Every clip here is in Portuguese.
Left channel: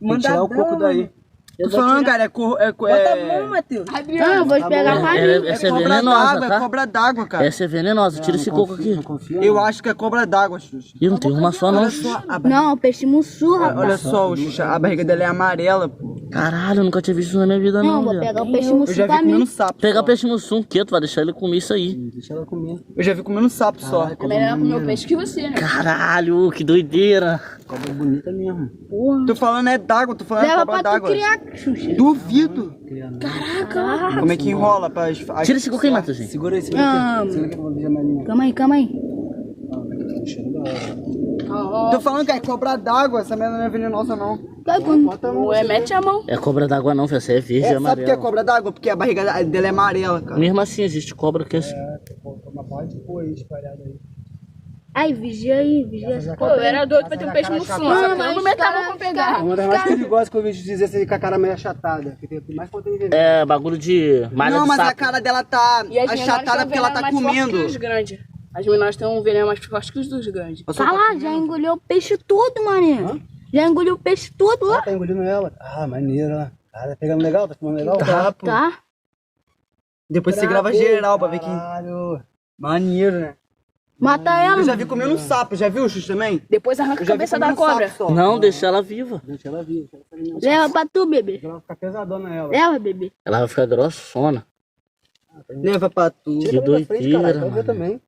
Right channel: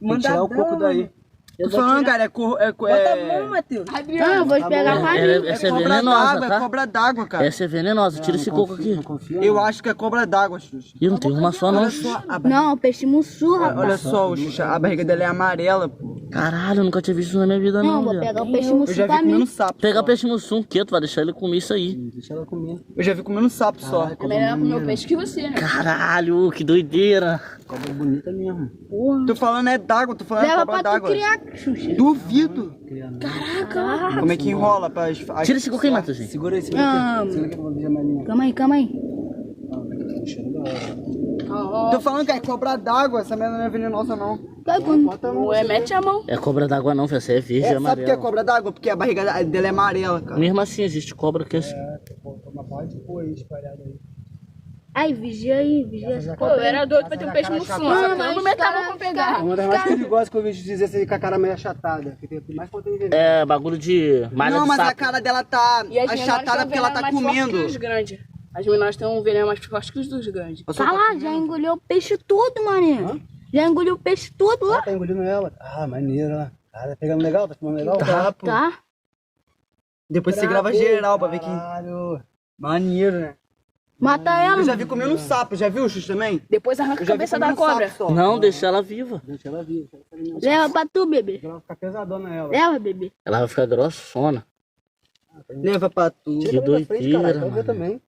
Manda tirar o coco daí. Tô falando, cara, Bota a mão, Matheus. Não, eu vou te pegar pra mim. essa é venenosa, tá? É cobra d'água, cara. Essa é venenosa, tira esse coco aqui. Eu acho que é cobra d'água, Xuxa. Ih, não tem uma só não. Olha só, Não, peixe mussu, rapaz. olha só, Xuxa, a barriga dela é amarela, pô. Caralho, eu nunca tinha visto isso na minha vida Não, não, vou viado. pegar o peixe Eu mussu já vi pra mim. comendo sapo. Pegar só. peixe no sul, quieto, vai deixar ele comer isso aí. Deixa ela comer. Eu já vi comendo sapo só. É melhor comer o peixe que você, né? Caralho, que doideira. Cobra bonita mesmo. Porra. Tô falando é d'água, tô falando é Leva cobra pra tu d'água. criar, Xuxa. Duvido. Caraca. Como é que enrola pra... Tira esse coco aí, Matheusinho. Segura aí, segura Ah, aqui. Segura aqui pra eu ver a maninha. calma aí, calma aí. Tô falando que é cobra d'água, essa merda não é venenosa não. Vai, quando... Ué, mete a mão. É cobra d'água não, filho, essa é verde e Sabe o que é amarela. cobra d'água? Porque a barriga dela é amarela, cara. Mesmo assim, existe cobra que é assim. Uma parte pô aí espalhada aí. Ai, vigia aí, vigia essa Pô, eu cobra. era doido pra ter um peixe no sul. Só que eu não meter a mão pra pegar. Uma das mais perigosas que eu vejo dizer assim, com a cara meio achatada. Que tem mais conteúdo de veneno. É bagulho de malha Não, de mas a sapo. cara dela tá E as achatada porque ela tá mais forte que comendo. os grandes. As menores têm um veneno mais forte que os dos grandes. Fala, já engoliu o peixe todo, mané. Já engoliu o peixe todo lá. Tá engolindo ela. Ah, maneiro, né? Ah, tá pegando legal? Tá filmando legal? Tá, pô. Tá? Depois você grava geral pra ver quem... Maneiro, né? Mata ela. Eu já vi comendo um sapo, já viu, Xuxa, também? Depois arranca Eu a já vi cabeça comendo da cobra. sapo só. Não, deixa ela viva. Deixa ela vir. Leva pra tu, bebê. Ela vai ficar pesadona ela. Leva, bebê. Ela vai ficar grossona. Leva pra tu. Que doideira, Vai ver mano. também.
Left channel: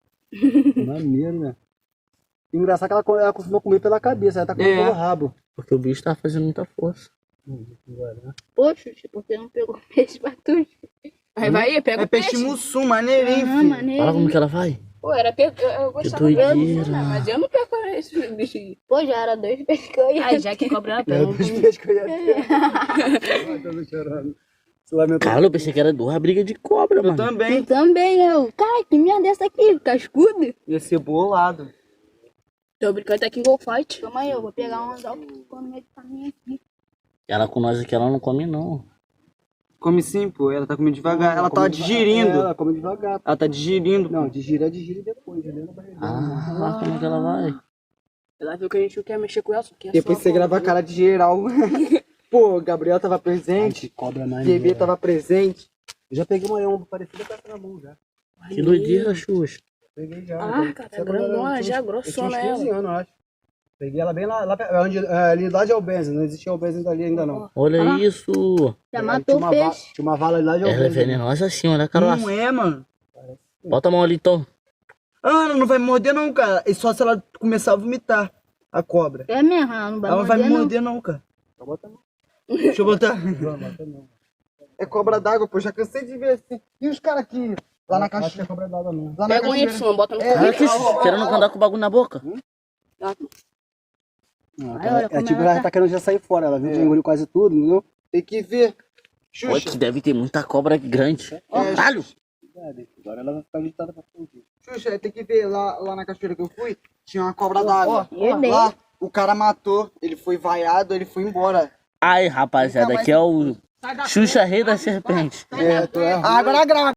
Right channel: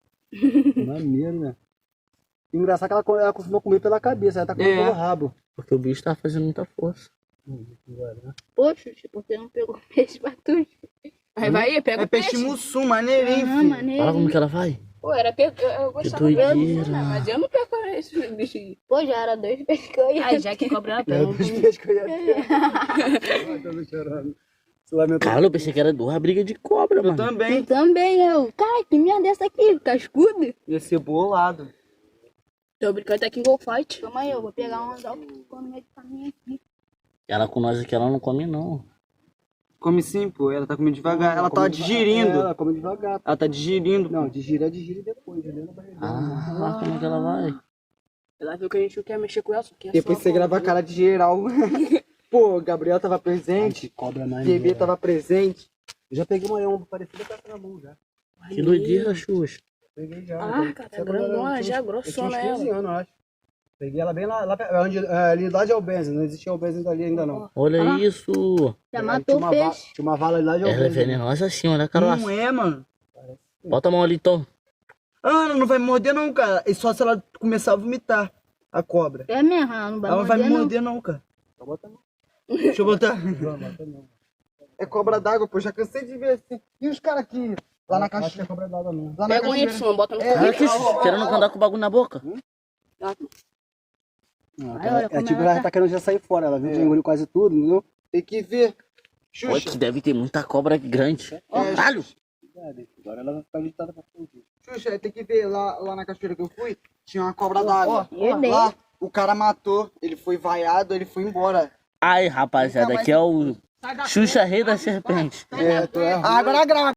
Maneiro, né? Engraçado que ela costuma comer pela cabeça, ela tá comendo pelo rabo. Porque o bicho tá fazendo muita força. Poxa, por que não pegou peixe pra tu? Aí vai, pega É o peixe peixe. mussum, maneirinho, Ah, filho. maneiro. Fala como que ela vai. Pô, era eu gostava Que dela, doideira. mas eu não perco esse bicho aí. Pô, já era 2 peixes que eu ia. Ai, já que cobra ela pega. Dos peixes que eu ia ter. Ai, tô chorando. Se lamentou. Cara, eu pensei que era 2 brigas de cobra, Eu mano. também. Também eu. Cara, que merda é essa aqui? Cascudo? Ia ser bolado. Tô brincando até que em Go Fight. Calma aí, eu vou pegar um anzol que ficou no meio do caminho aqui. Ela com nós aqui, ela não come não. Come sim, pô. Ela tá comendo devagar. Ela tá digerindo. Ela come devagar. Ela tá digerindo. Não, digire depois, digere na barriga. Ah, como que ela vai? Ela viu que a gente não quer mexer com ela, só quer Depois só você grava a cara de geral. Pô, Gabriel tava presente. Cobra na Bebê tava presente. Eu já peguei uma leão parecida com essa na mão já. Que doideira, Xuxa. Peguei já. Ah, cara, é grandona já, grossona Eu tinha uns 15 ela. anos, eu acho. Peguei ela bem lá onde, ali lá de Albenzi, não existia Albenzi ali ainda não. Olha isso. Já Tinha matou o uma peixe. Tinha uma vala ali lá de Ela é Albenzi. venenosa assim, olha a caroça. Não é, mano. Bota a mão ali, então. Ah, ela não vai me morder não, cara. É só se ela começar a vomitar a cobra. É mesmo, ela não vai Ela não vai me morder, não. morder não, cara. Só bota a mão. Deixa eu botar. Não, bota não. É cobra d'água, pô. Já cansei de ver assim. E os caras aqui, lá na Acho que é caixinha. cobra d'água mesmo. Lá na Pega um caixinha. Y, bota no Olha aqui, carrinho. querendo andar com o bagulho na boca. Não, Aí, olha é como tipo, ela ela tá querendo já sair fora, ela viu que já engoliu quase tudo, entendeu? Tem que ver. Olha Xuxa, que deve ter muita cobra grande. Caralho. Agora ela vai ficar agitada pra fugir. Xuxa, tem que ver. Lá na cachoeira que eu fui, tinha uma cobra d'água. eu dei. Lá, o cara matou. Ele foi vaiado, ele foi embora. Ai, rapaziada, aqui é o Xuxa Rei da Serpente. É, tu é Agora grava.